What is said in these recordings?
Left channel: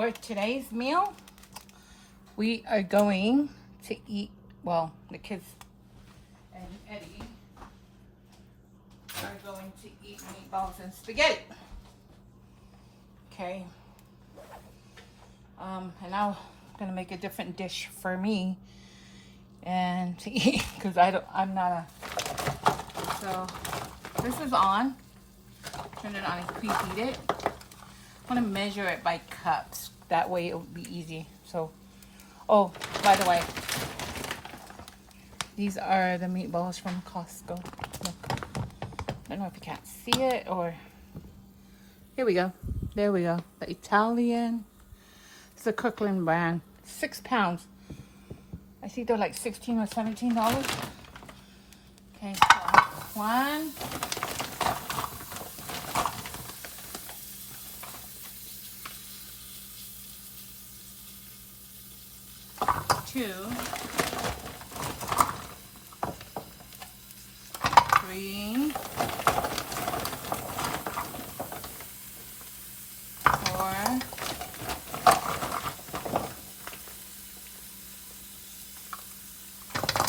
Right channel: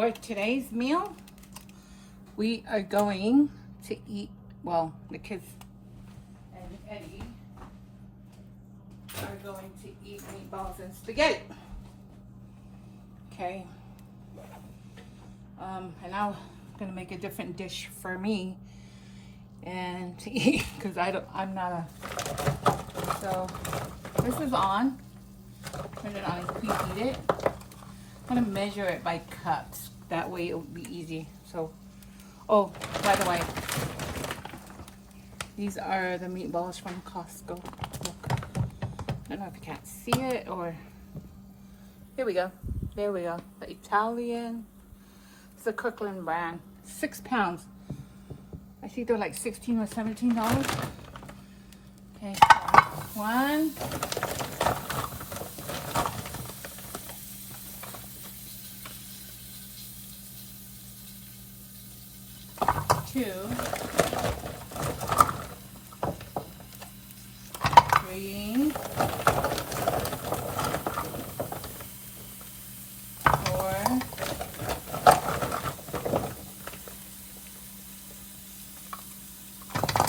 For today's meal, we are going to eat, well, the kids and Eddie are going to eat meatballs and spaghetti. Okay. And I'm gonna make a different dish for me and to eat because I'm not a. So this is on. Turn it on and preheat it. I'm gonna measure it by cups. That way it'll be easy. So, oh, by the way, these are the meatballs from Costco. I don't know if you can't see it or. Here we go. There we go. The Italian. It's a Kirkland brand. 6 pounds. I think they're like $16 or $17. Okay, one. Two. Three. 4.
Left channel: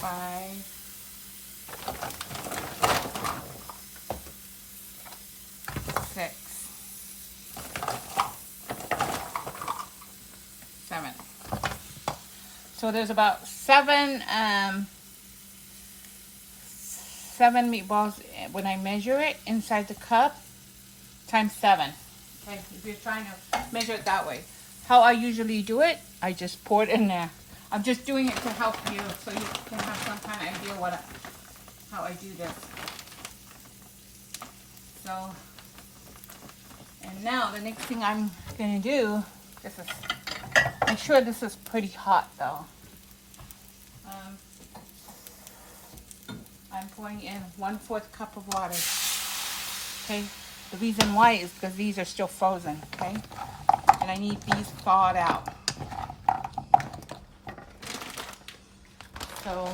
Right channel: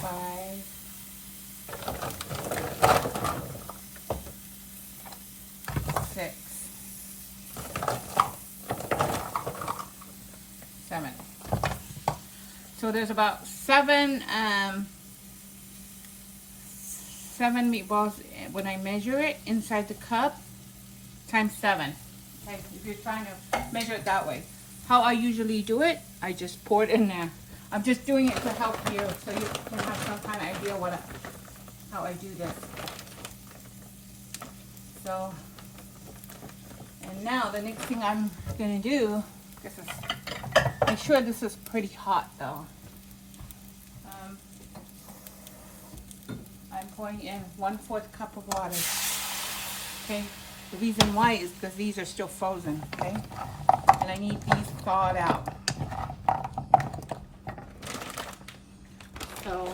5. 6. 7. So there's about 7 meatballs when I measure it inside the cup times 7. Okay, if you're trying to measure it that way. How I usually do it, I just pour it in there. I'm just doing it to help you so you can have some kind of idea how I do this. So, and now the next thing I'm going to do, make sure this is pretty hot though. I'm pouring in 1/4 cup of water. Okay, the reason why is because these are still frozen. Okay, and I need these thawed out. So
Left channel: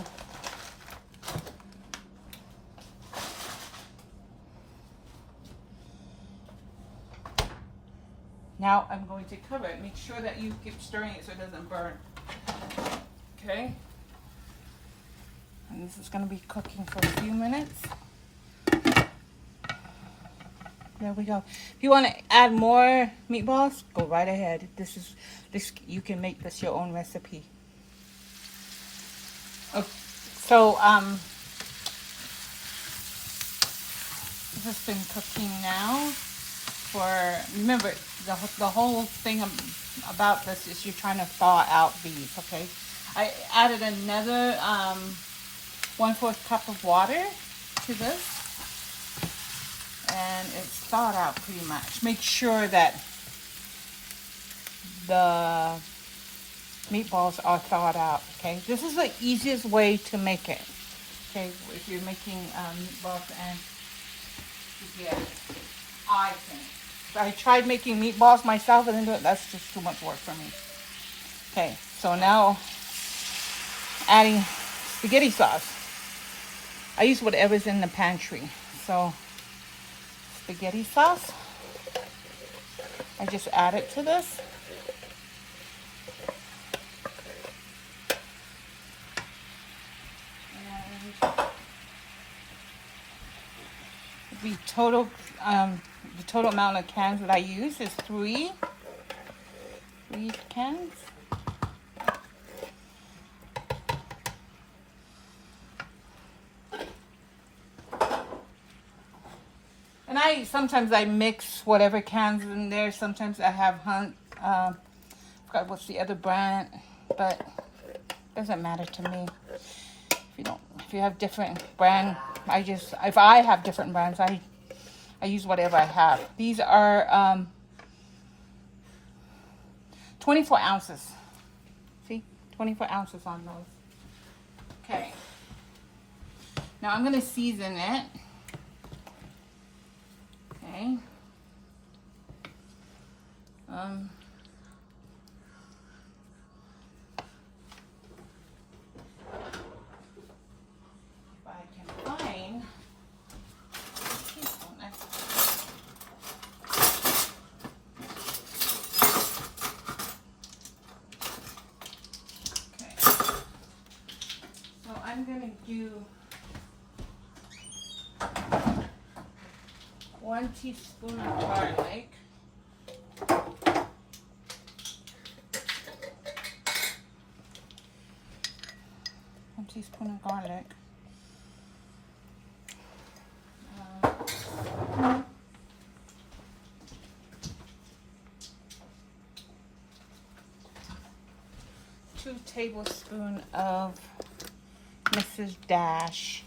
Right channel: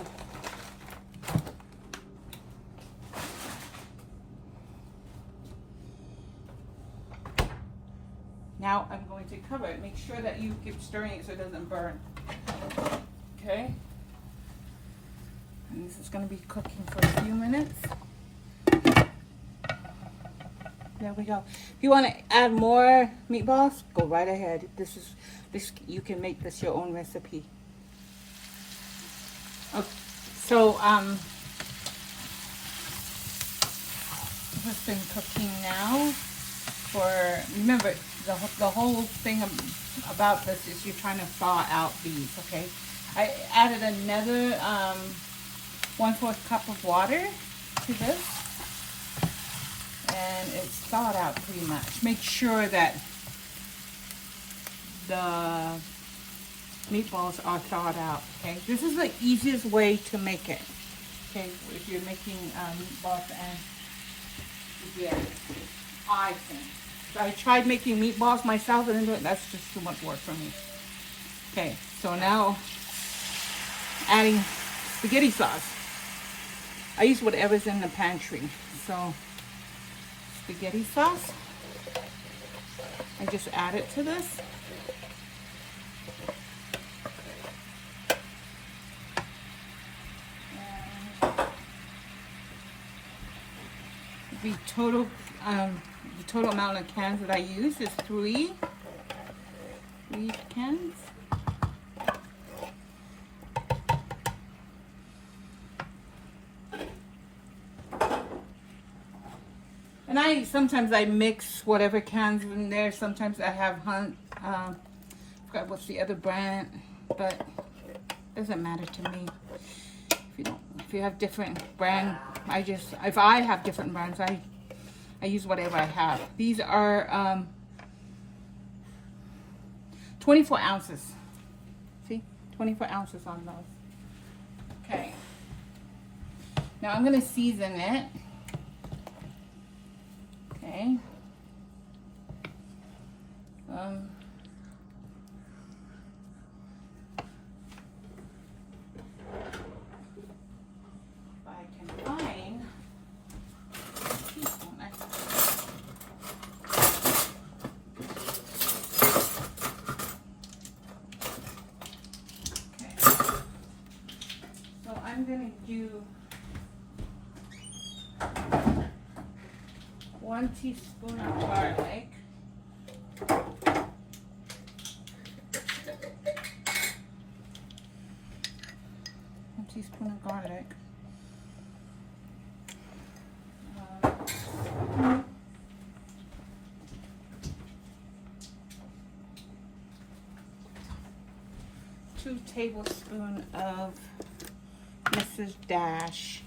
now I'm going to cover it. Make sure that you keep stirring it so it doesn't burn. Okay. And this is going to be cooking for a few minutes. There we go. If you want to add more meatballs, go right ahead. You can make this your own recipe. Okay, so this has been cooking now remember the whole thing about this is you're trying to thaw out these. Okay, I added another 1/4 cup of water to this, and it's thawed out pretty much. Make sure that the meatballs are thawed out. Okay, this is the easiest way to make it. Okay, if you're making meatballs and spaghetti, I think. I tried making meatballs myself, and that's just too much work for me. Okay, so now adding spaghetti sauce. I use whatever's in the pantry. So spaghetti sauce, I just add it to this. And the total amount of cans that I use is 3 cans. And sometimes I mix whatever cans in there. Sometimes I have forgot what's the other brand, but it doesn't matter to me. If you have different brand, if I have different brands, I use whatever I have. These are 24 ounces. See, 24 ounces on those. Okay. Now I'm gonna season it. Okay. If I can find you 1 teaspoon of garlic. 1 teaspoon of garlic. 2 tablespoons of Mrs. Dash.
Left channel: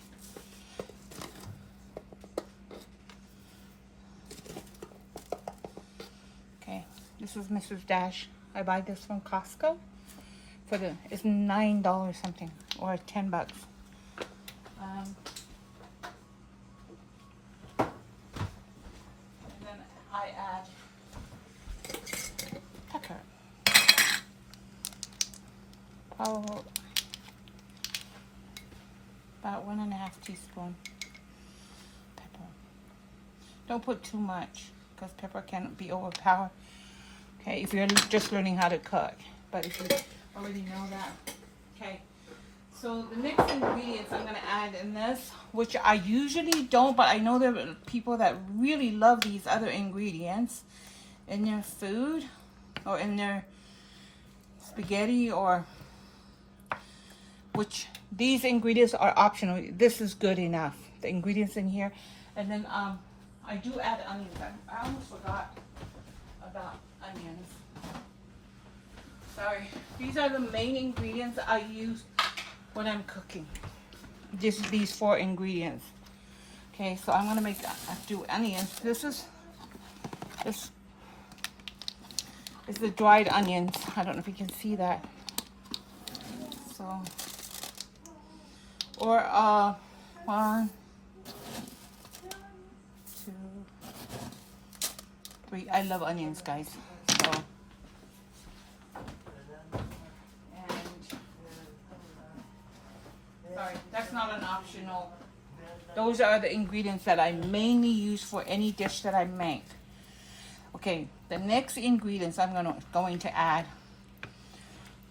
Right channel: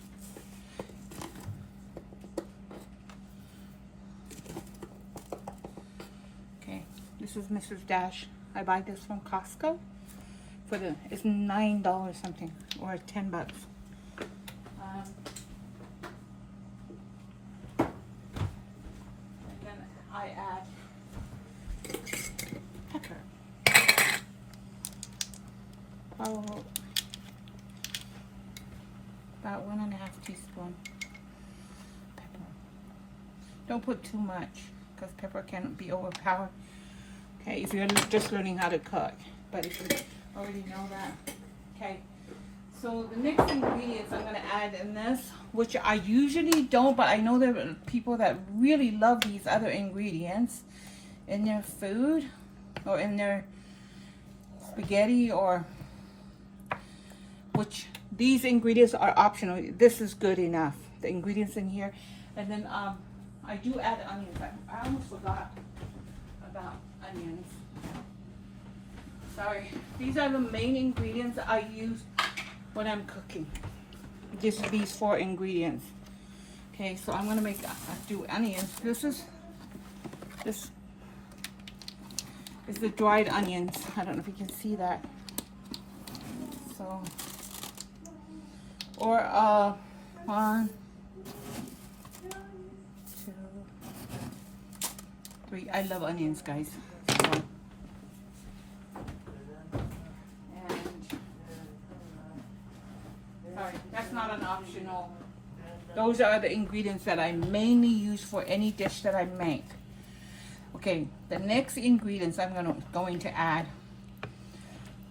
Okay, this is Mrs. Dash. I buy this from Costco for it's $9 something or $10. Then I add pepper. About 1.5 teaspoons pepper. Don't put too much because pepper can be overpowered. Okay, if you're just learning how to cook, but if you already know that. Okay, so the next ingredients I'm gonna add in this, which I usually don't, but I know there are people that really love these other ingredients in their food or in their spaghetti, or which these ingredients are optional. This is good enough, the ingredients in here. And then I do add onions. I almost forgot about onions. Sorry. These are the main ingredients I use when I'm cooking. Just these 4 ingredients. Okay, so I'm gonna do onions. This is the dried onions. I don't know if you can see that. So, or 1, 2, 3. I love onions, guys. So, and sorry, that's not an optional. Those are the ingredients that I mainly use for any dish that I make. Okay, the next ingredients I'm going to add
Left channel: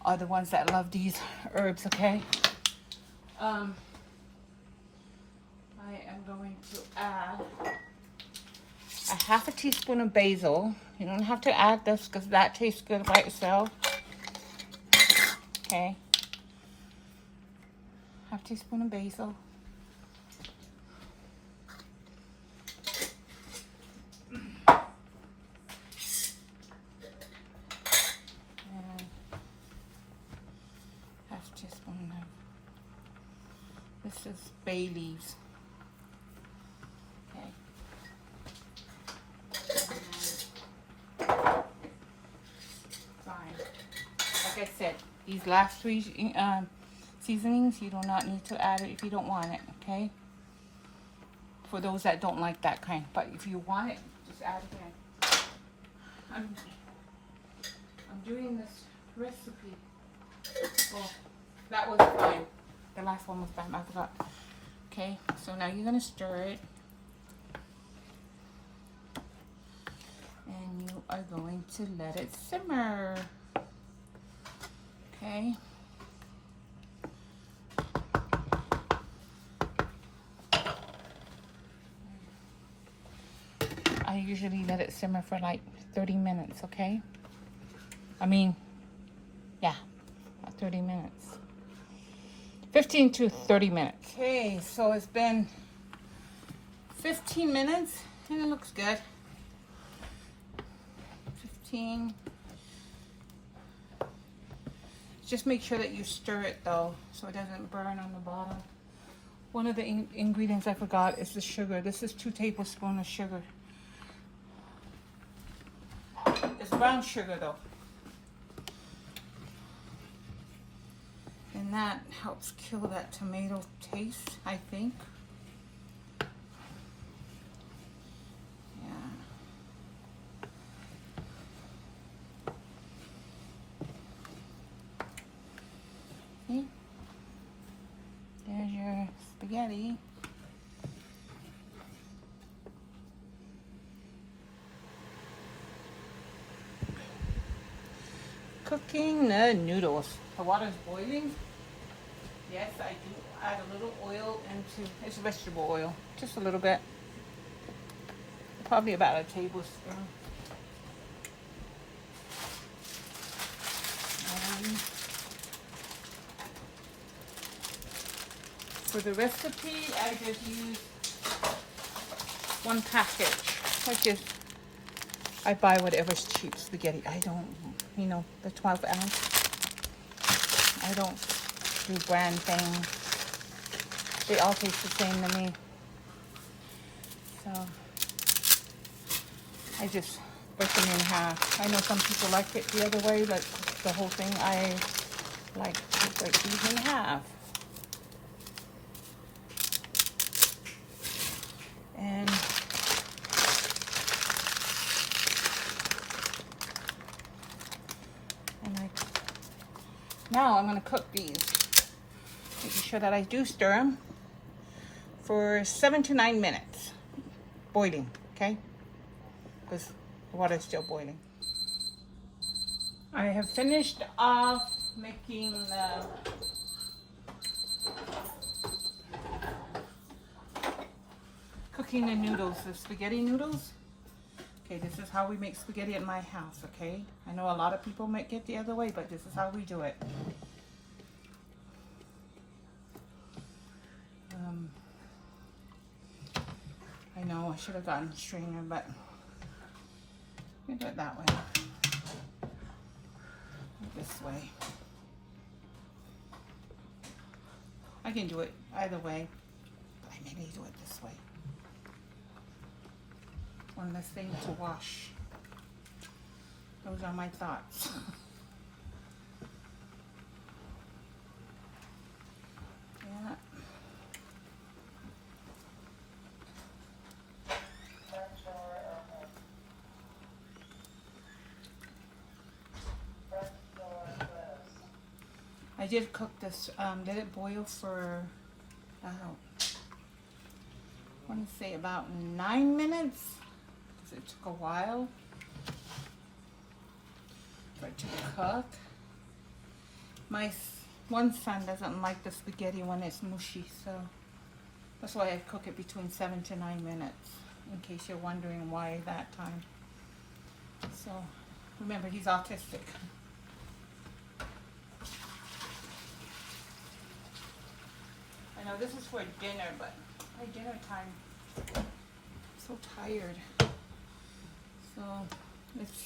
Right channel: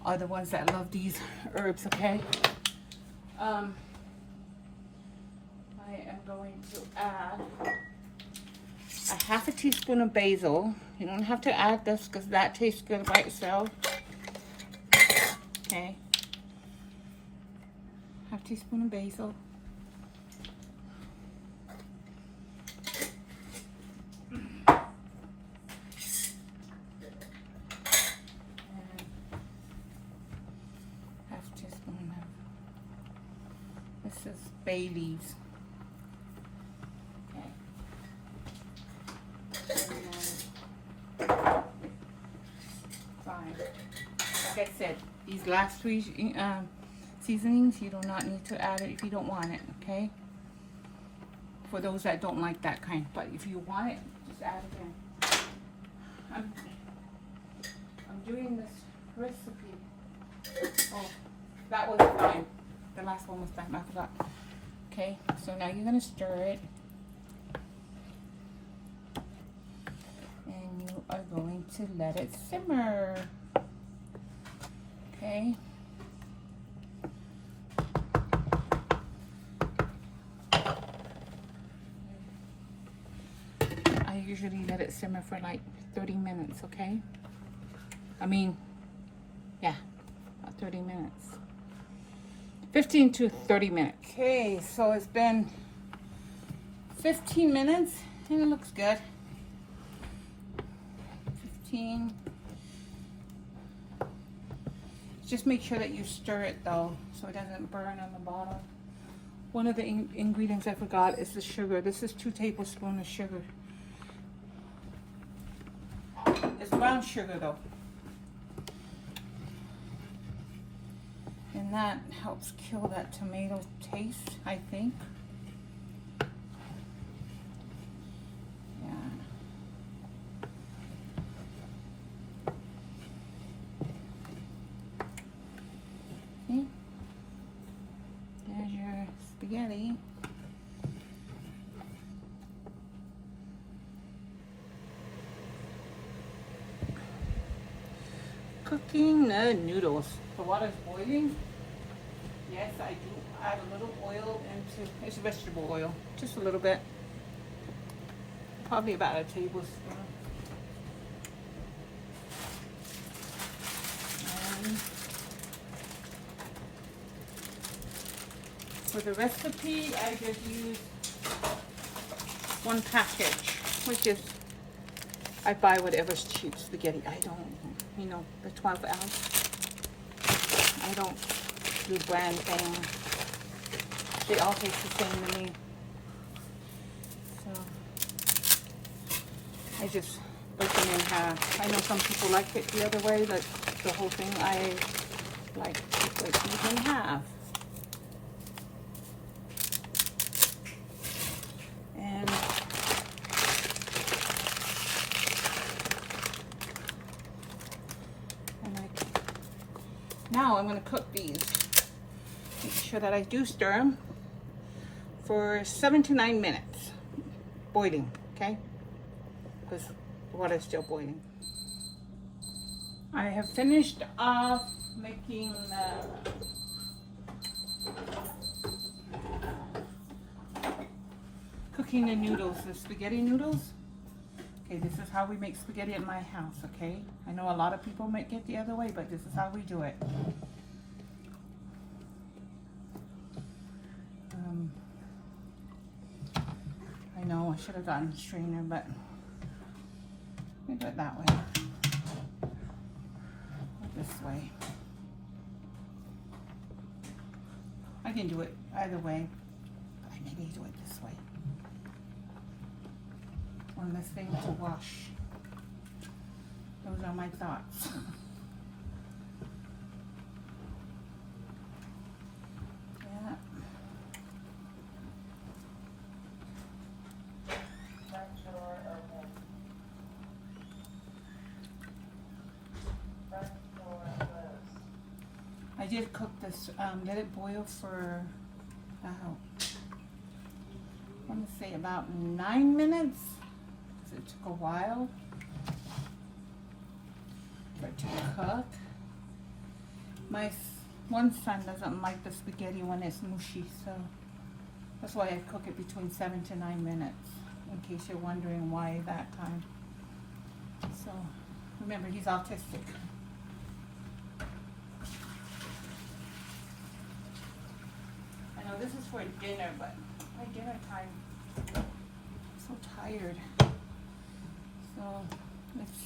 are the ones that love these herbs. Okay, I am going to add a 1/2 teaspoon of basil. You don't have to add this because that tastes good by itself. Okay, 1/2 teaspoon of basil. This is bay leaves. Okay. Fine. Like I said, these last 3 seasonings, you do not need to add it if you don't want it, okay? For those that don't like that kind. But if you want it, just add it in. I'm doing this recipe. Oh, that was fine. The last one was fine, I forgot. Okay, so now you're gonna stir it. And you are going to let it simmer. Okay. I usually let it simmer for like 30 minutes, okay? I mean, yeah, about 30 minutes. 15 to 30 minutes. Okay, so it's been 15 minutes and it looks good. 15. Just make sure that you stir it though, so it doesn't burn on the bottom. One of the ingredients I forgot is the sugar. This is 2 tablespoons of sugar. It's brown sugar though. And that helps kill that tomato taste, I think. Yeah. See? There's your spaghetti. Cooking the noodles. The water's boiling. Yes, I do. add a little oil into, it's vegetable oil, just a little bit. Probably about a tablespoon. And for the recipe, I just use one package, which is, I buy whatever's cheap spaghetti. I don't, you know, the 12 ounce. I don't do brand things. They all taste the same to me. So I just break them in half. I know some people like it the other way, but the whole thing I like to break them in half. And now I'm going to cook these. Making sure that I do stir them for 7 to 9 minutes. Boiling, okay? Because the water is still boiling. I have finished off making cooking the noodles, the spaghetti noodles. Okay, this is how we make spaghetti at my house, okay? I know a lot of people make it the other way, but this is how we do it. I know I should have gotten a strainer, but we do it that way. This way. I can do it either way, but I maybe do it this way. One less thing to wash. Those are my thoughts. Yeah. I did cook this, let it boil for, I want to say about 9 minutes. It took a while for it to cook. My one son doesn't like the spaghetti when it's mushy, so that's why I cook it between 7 to 9 minutes, in case you're wondering why that time. So remember, he's autistic. I know this is for dinner, but my dinner time, I'm so tired. So it's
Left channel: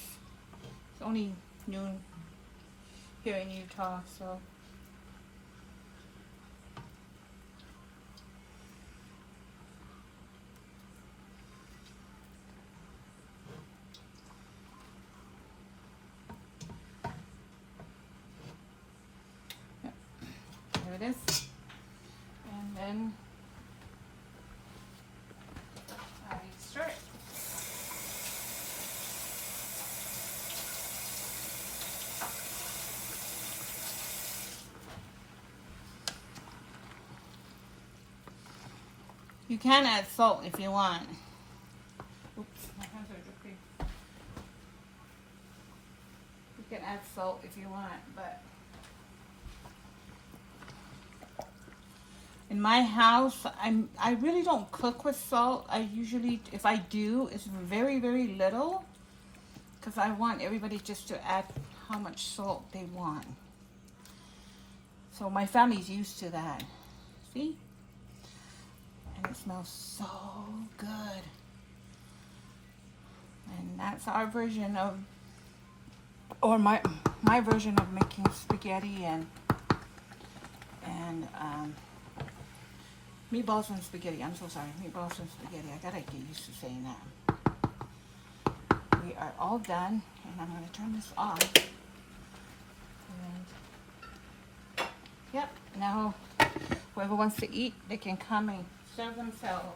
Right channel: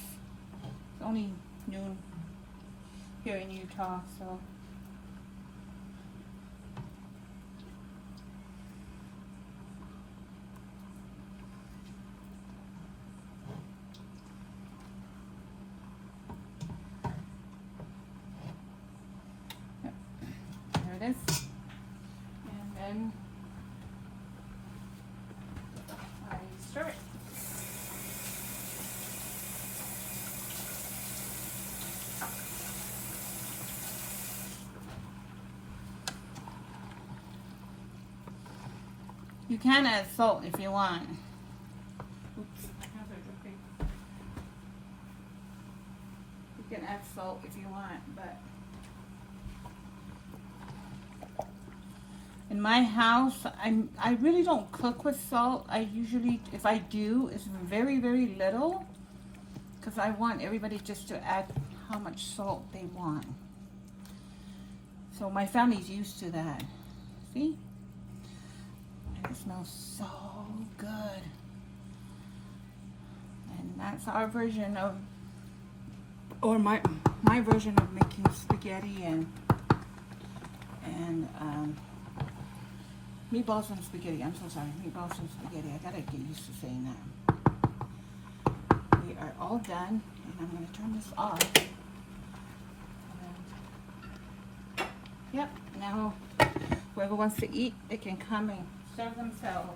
only noon here in Utah, so yep. There it is. And then I stir it. You can add salt if you want. Oops, my hands are dripping. You can add salt if you want, but in my house, I really don't cook with salt. I usually, if I do, it's very, very little, because I want everybody just to add how much salt they want. So my family's used to that. See? And it smells so good. And that's our version of, or my version of making spaghetti and meatballs and spaghetti. I'm so sorry, meatballs and spaghetti. I gotta get used to saying that. We are all done, and I'm gonna turn this off. And, yep, now whoever wants to eat, they can come and serve themselves.